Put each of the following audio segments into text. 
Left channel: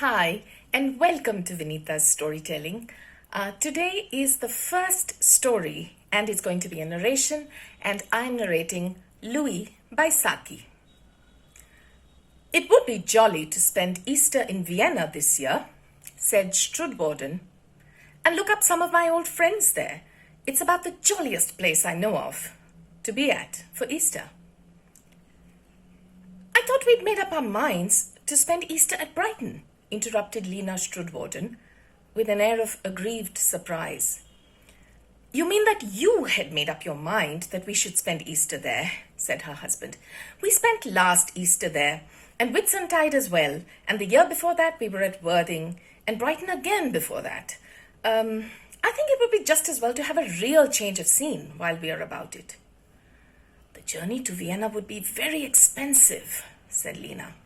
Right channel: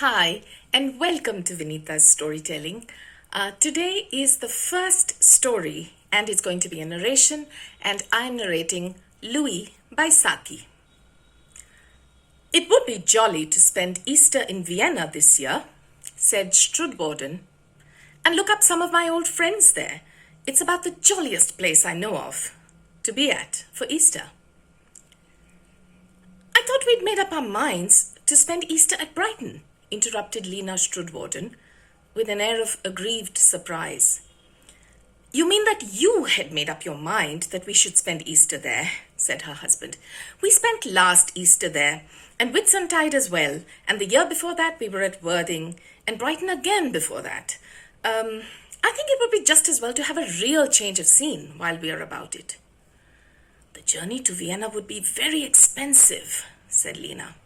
Hi, and welcome to Vinita's storytelling. Today is the first story, and it's going to be a narration, and I'm narrating Louis by Saki. It would be jolly to spend Easter in Vienna this year, said Strudwarden, and look up some of my old friends there. It's about the jolliest place I know of to be at for Easter. I thought we'd made up our minds to spend Easter at Brighton, interrupted Lena Strudwarden with an air of aggrieved surprise. You mean that you had made up your mind that we should spend Easter there, said her husband. We spent last Easter there, and Whitsuntide as well, and the year before that we were at Worthing, and Brighton again before that. I think it would be just as well to have a real change of scene while we are about it. The journey to Vienna would be very expensive, said Lena.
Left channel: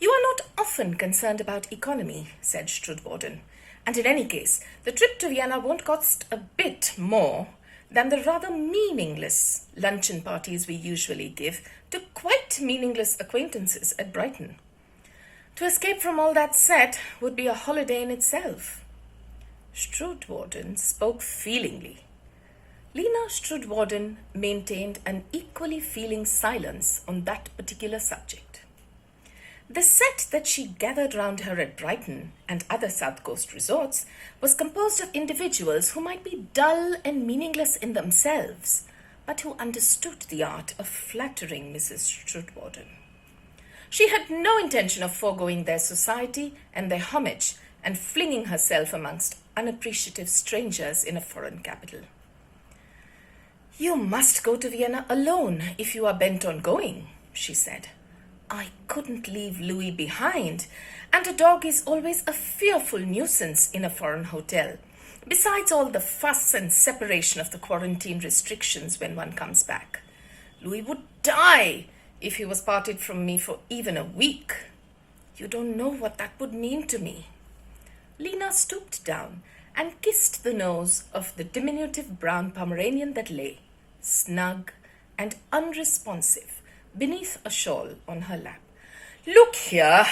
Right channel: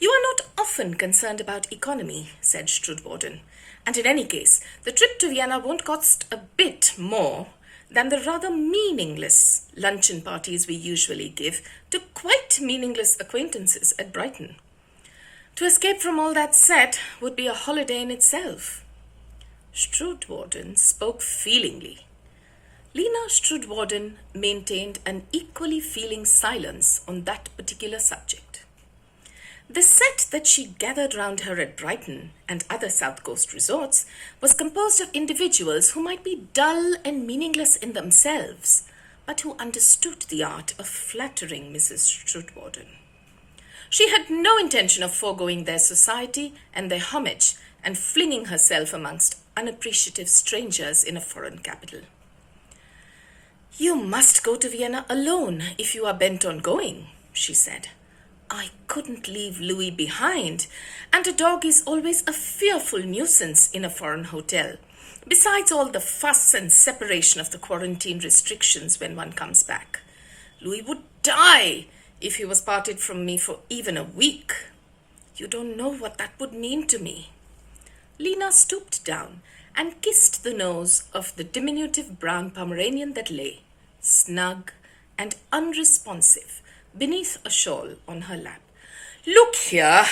You are not often concerned about economy, said Strudwarden, and in any case, the trip to Vienna won't cost a bit more than the rather meaningless luncheon parties we usually give to quite meaningless acquaintances at Brighton. To escape from all that set would be a holiday in itself. Strudwarden spoke feelingly. Lena Strudwarden maintained an equally feeling silence on that particular subject. The set that she gathered round her at Brighton and other South Coast resorts was composed of individuals who might be dull and meaningless in themselves, but who understood the art of flattering Mrs. Strudwarden. She had no intention of foregoing their society and their homage and flinging herself amongst unappreciative strangers in a foreign capital. You must go to Vienna alone if you are bent on going, she said. I couldn't leave Louis behind, and a dog is always a fearful nuisance in a foreign hotel, besides all the fuss and separation of the quarantine restrictions when one comes back. Louis would die if he was parted from me for even a week. You don't know what that would mean to me. Lena stooped down and kissed the nose of the diminutive brown Pomeranian that lay, snug and unresponsive, beneath a shawl on her lap. Look here,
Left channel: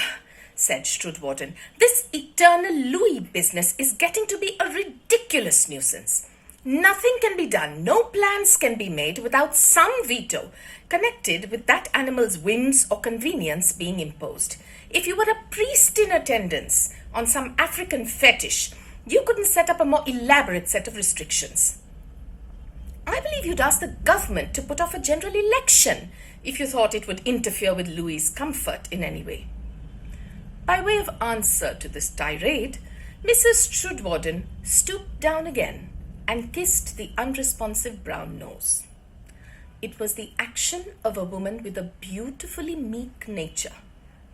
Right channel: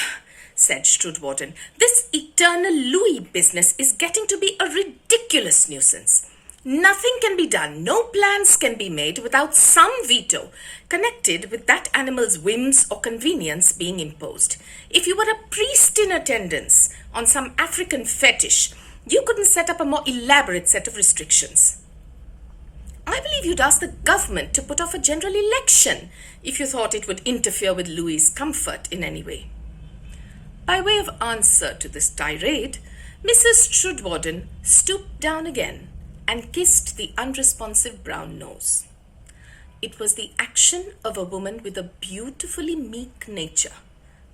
said Strudwarden, this eternal Louis business is getting to be a ridiculous nuisance. Nothing can be done, no plans can be made without some veto connected with that animal's whims or convenience being imposed. If you were a priest in attendance on some African fetish, you couldn't set up a more elaborate set of restrictions. I believe you'd ask the government to put off a general election if you thought it would interfere with Louis's comfort in any way. By way of answer to this tirade, Mrs. Strudwarden stooped down again and kissed the unresponsive brown nose. It was the action of a woman with a beautifully meek nature,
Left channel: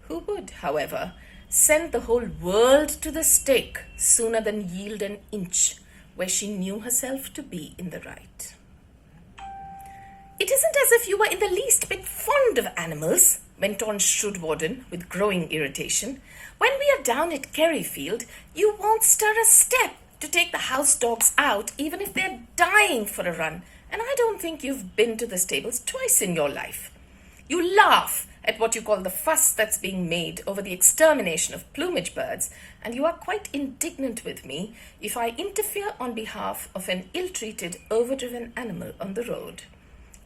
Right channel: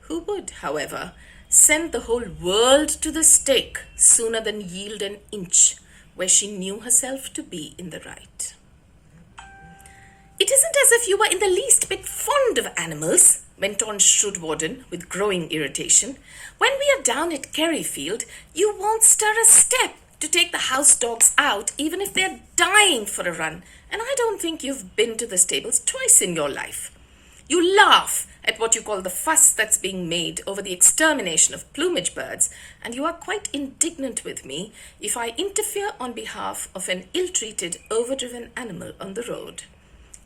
who would, however, send the whole world to the stake sooner than yield an inch where she knew herself to be in the right. It isn't as if you were in the least bit fond of animals, went on Strudwarden with growing irritation. When we are down at Kerryfield, you won't stir a step to take the house dogs out, even if they're dying for a run, and I don't think you've been to the stables twice in your life. You laugh at what you call the fuss that's being made over the extermination of plumage birds, and you are quite indignant with me if I interfere on behalf of an ill-treated, overdriven animal on the road.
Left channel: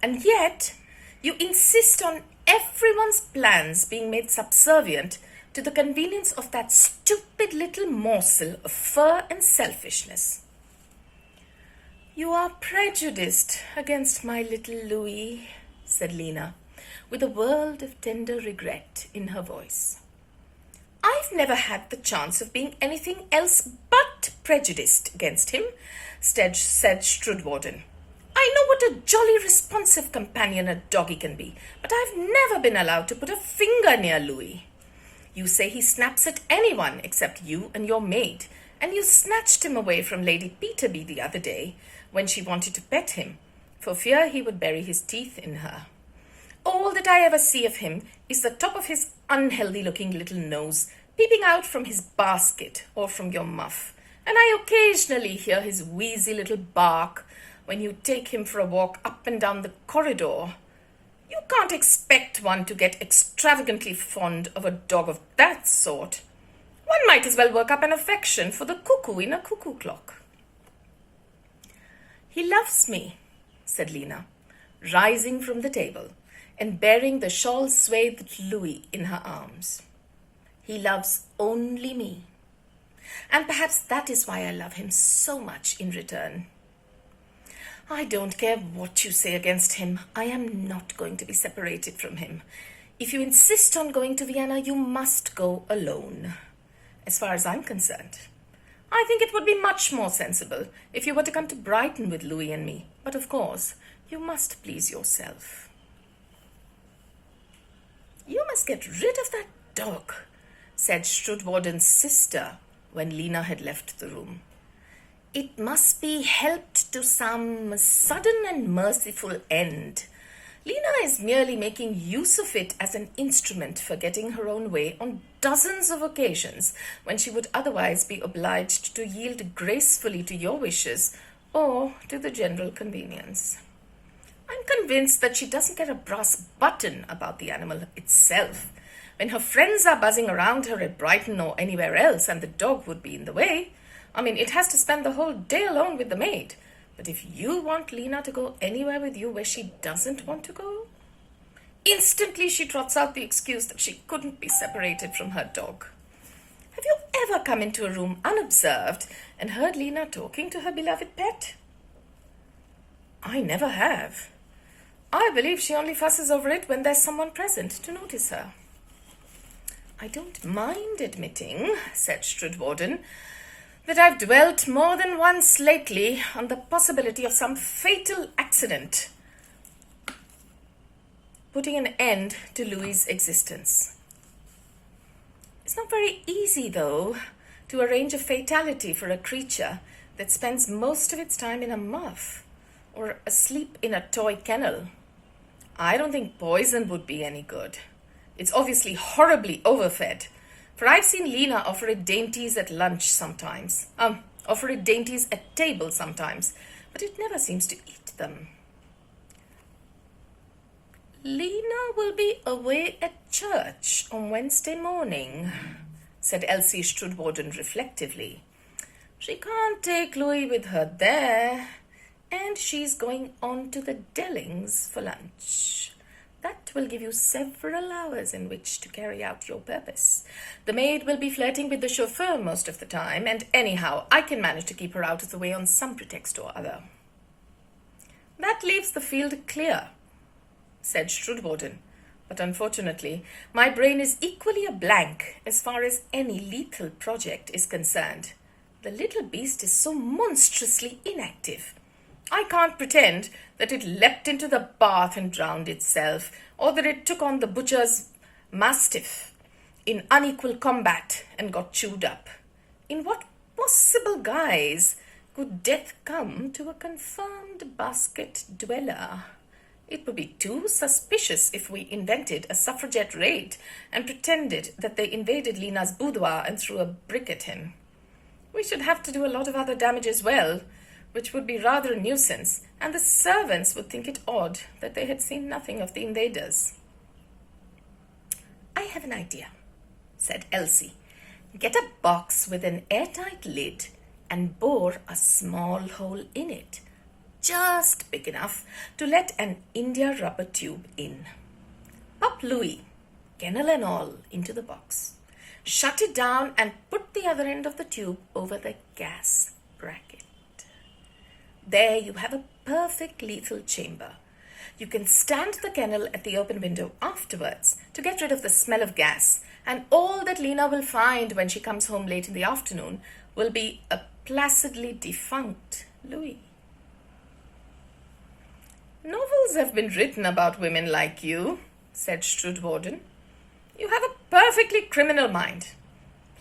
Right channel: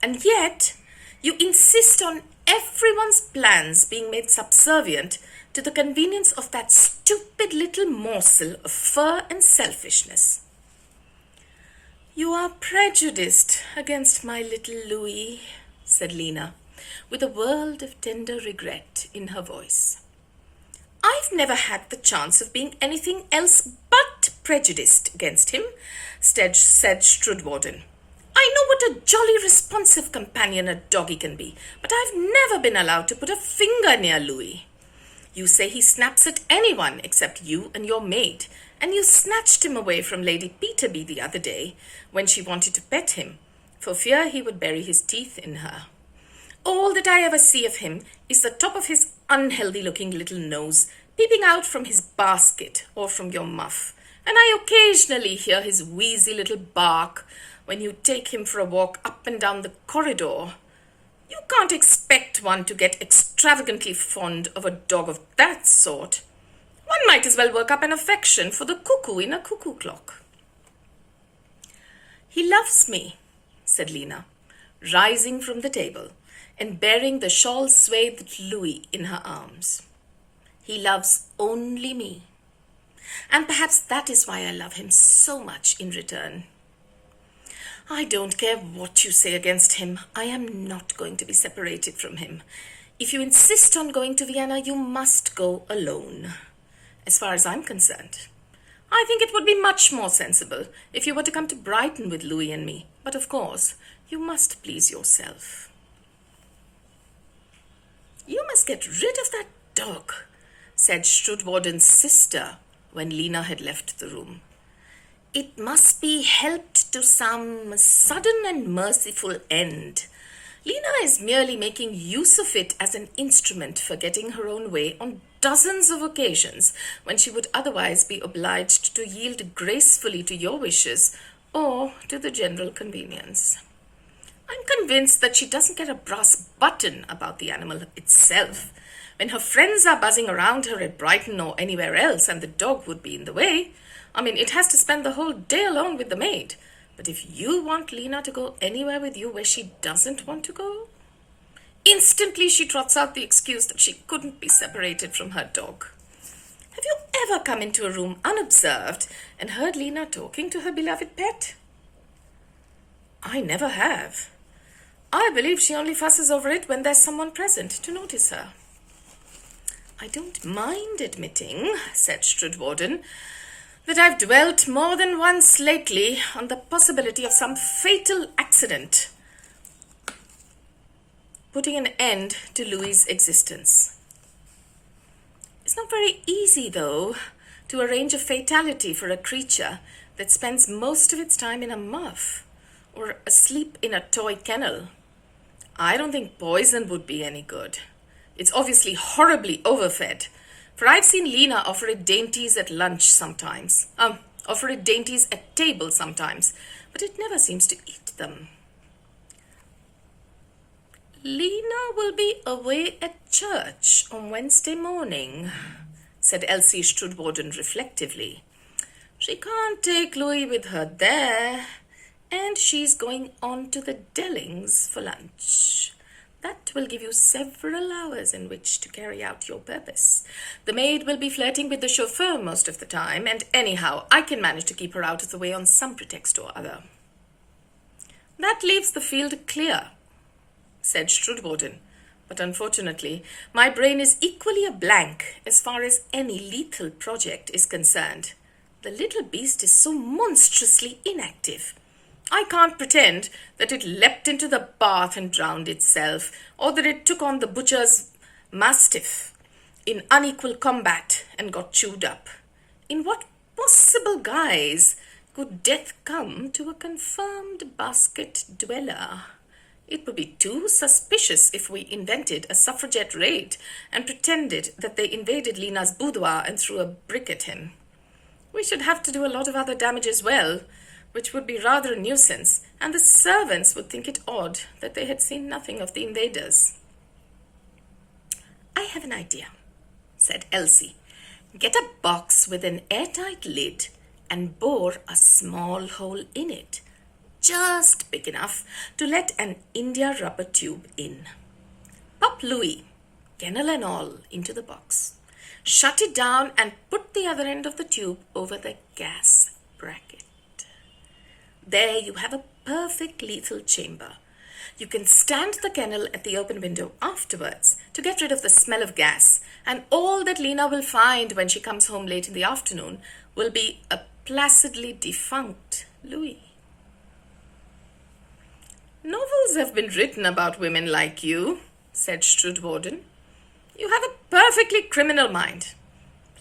And yet, you insist on everyone's plans being made subservient to the convenience of that stupid little morsel of fur and selfishness. You are prejudiced against my little Louis, said Lena, with a world of tender regret in her voice. I've never had the chance of being anything else but prejudiced against him, said Strudwarden. I know what a jolly responsive companion a doggy can be, but I've never been allowed to put a finger near Louis. You say he snaps at anyone except you and your maid, and you snatched him away from Lady Peterby the other day when she wanted to pet him, for fear he would bury his teeth in her. All that I ever see of him is the top of his unhealthy-looking little nose peeping out from his basket or from your muff, and I occasionally hear his wheezy little bark when you take him for a walk up and down the corridor. You can't expect one to get extravagantly fond of a dog of that sort. One might as well work up an affection for the cuckoo in a cuckoo clock. He loves me, said Lena, rising from the table and bearing the shawl-swathed Louis in her arms. He loves only me. And perhaps that is why I love him so much in return. I don't care what you say against him. I am not going to be separated from him. If you insist on going to Vienna, you must go alone. As far as I'm concerned, I think it would be much more sensible if you were to come to Brighton with Louis and me. But of course, you must please yourself. You must get rid of that dog, said Strudwarden's sister when Lena had left the room. It must be helped to some sudden and merciful end. Lena is merely making use of it as an instrument for getting her own way on dozens of occasions when she would otherwise be obliged to yield gracefully to your wishes or to the general convenience. I'm convinced that she doesn't care a brass button about the animal itself. When her friends are buzzing around her at Brighton or anywhere else and the dog would be in the way, it has to spend the whole day alone with the maid. But if you want Lena to go anywhere with you where she doesn't want to go, instantly she trots out the excuse that she couldn't be separated from her dog. Have you ever come into a room unobserved and heard Lena talking to her beloved pet? I never have. I believe she only fusses over it when there's someone present to notice her. I don't mind admitting, said Strudwarden, that I've dwelt more than once lately on the possibility of some fatal accident putting an end to Louis's existence. It's not very easy, though, to arrange a fatality for a creature that spends most of its time in a muff or asleep in a toy kennel. I don't think poison would be any good. It's obviously horribly overfed, for I've seen Lena offer it dainties at lunch sometimes. Offer it dainties at table sometimes, but it never seems to eat them. Lena will be away at church on Wednesday morning, said Elsie Strudwarden reflectively. She can't take Louis with her there, and she's going on to the Dellings for lunch. That will give you several hours in which to carry out your purpose. The maid will be flirting with the chauffeur most of the time, and anyhow, I can manage to keep her out of the way on some pretext or other. That leaves the field clear, said Strudwarden, but unfortunately, my brain is equally a blank as far as any lethal project is concerned. The little beast is so monstrously inactive. I can't pretend that it leapt into the bath and drowned itself, or that it took on the butcher's mastiff in unequal combat and got chewed up. In what possible guise could death come to a confirmed basket dweller? It would be too suspicious if we invented a suffragette raid and pretended that they invaded Lena's boudoir and threw a brick at him. We should have to do a lot of other damage as well, which would be rather a nuisance, and the servants would think it odd that they had seen nothing of the invaders. I have an idea, said Elsie. Get a box with an airtight lid and bore a small hole in it, just big enough to let an India rubber tube in. Pop Louis, kennel and all, into the box. Shut it down and put the other end of the tube over the gas bracket. There you have a perfect lethal chamber. You can stand the kennel at the open window afterwards to get rid of the smell of gas, and all that Lena will find when she comes home late in the afternoon will be a placidly defunct Louis. Novels have been written about women like you, said Strudwarden. You have a perfectly criminal mind.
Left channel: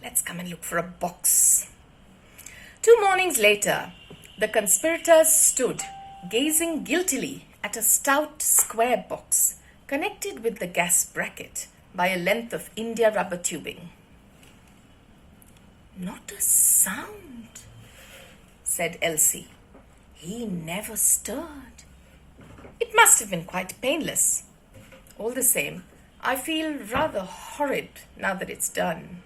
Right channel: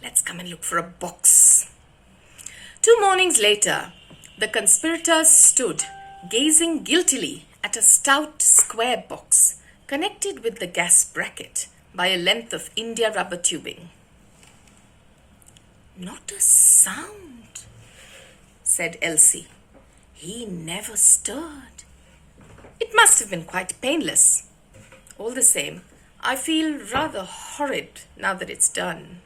Let's come and look for a box. 2 mornings later, the conspirators stood, gazing guiltily at a stout square box connected with the gas bracket by a length of India rubber tubing. Not a sound, said Elsie. He never stirred. It must have been quite painless. All the same, I feel rather horrid now that it's done.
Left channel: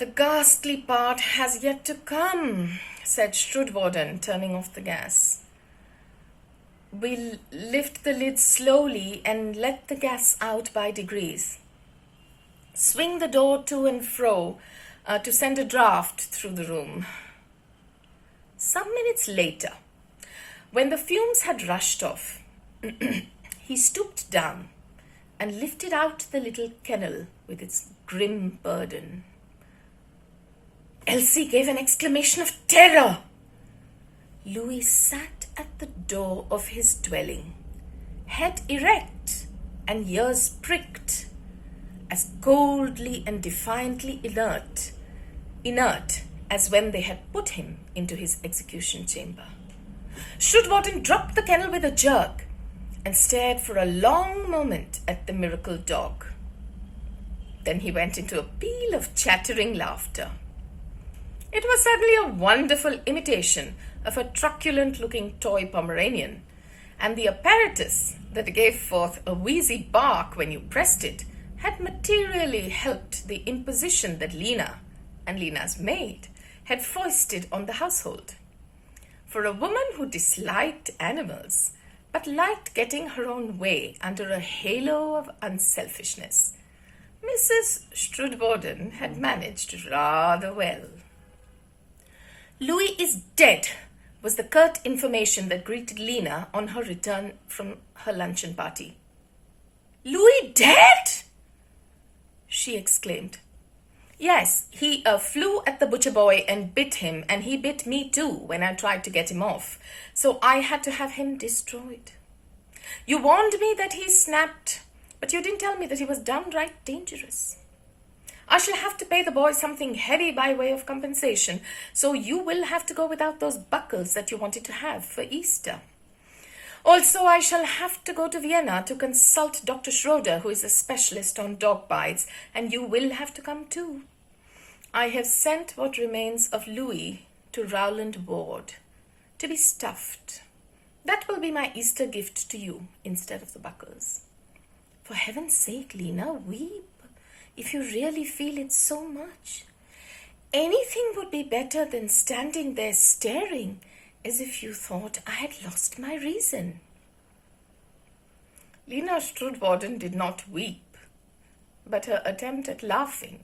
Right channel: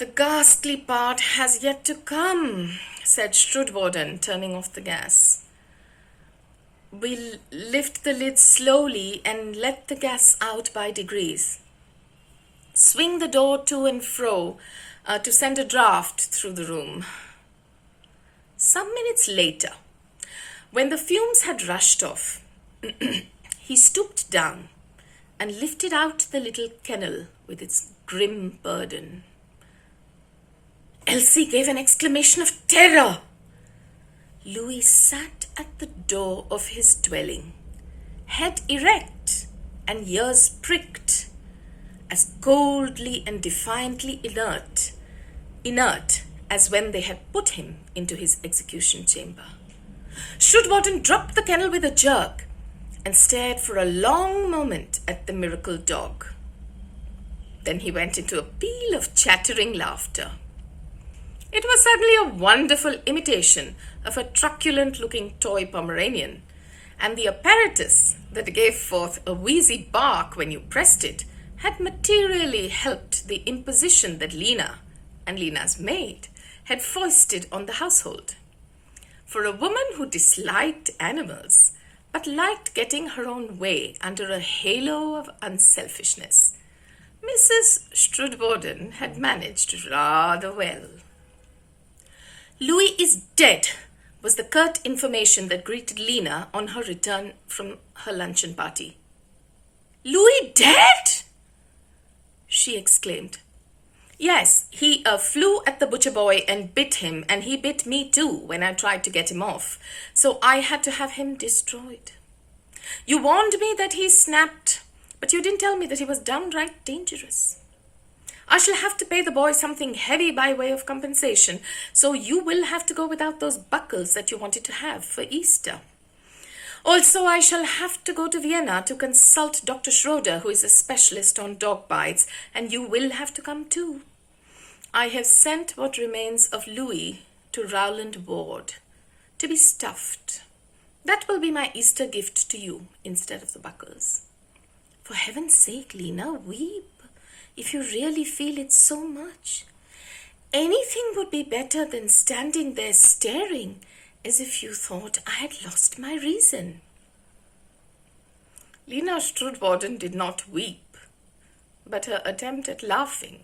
The ghastly part has yet to come, said Strudwarden, turning off the gas. We'll lift the lid slowly and let the gas out by degrees. Swing the door to and fro to send a draught through the room. Some minutes later, when the fumes had rushed off, he stooped down and lifted out the little kennel with its grim burden. Elsie gave an exclamation of terror. Louis sat at the door of his dwelling, head erect and ears pricked, as coldly and defiantly inert as when they had put him into his execution chamber. Strudwarden dropped the kennel with a jerk and stared for a long moment at the miracle dog. Then he went into a peal of chattering laughter. It was certainly a wonderful imitation of a truculent-looking toy Pomeranian, and the apparatus that gave forth a wheezy bark when you pressed it had materially helped the imposition that Lena and Lena's maid had foisted on the household. For a woman who disliked animals but liked getting her own way under a halo of unselfishness, Mrs. Strudwarden had managed rather well. Louis is dead, was the curt information that greeted Lena on her return from her luncheon party. Louis dead? She exclaimed. Yes, he flew at the butcher boy and bit him, and he bit me too when I tried to get him off, so I had to have him destroyed. You warned me that he snapped, but you didn't tell me that he was downright dangerous. I shall have to pay the boy something heavy by way of compensation, so you will have to go without those buckles that you wanted to have for Easter. Also, I shall have to go to Vienna to consult Dr. Schroeder, who is a specialist on dog bites, and you will have to come too. I have sent what remains of Louis to Rowland Ward to be stuffed. That will be my Easter gift to you instead of the buckles. For heaven's sake, Lena, weep if you really feel it so much. Anything would be better than standing there staring as if you thought I had lost my reason. Lena Strudwarden did not weep, but her attempt at laughing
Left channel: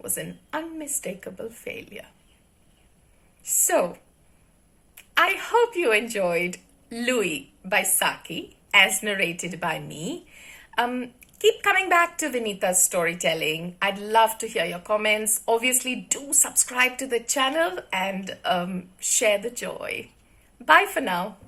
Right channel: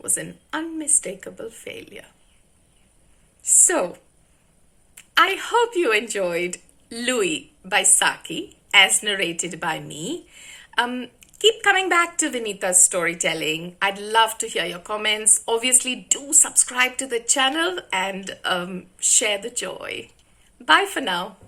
was an unmistakable failure. So, I hope you enjoyed Louis by Saki, as narrated by me. Keep coming back to Vinita's storytelling. I'd love to hear your comments. Obviously, do subscribe to the channel and share the joy. Bye for now.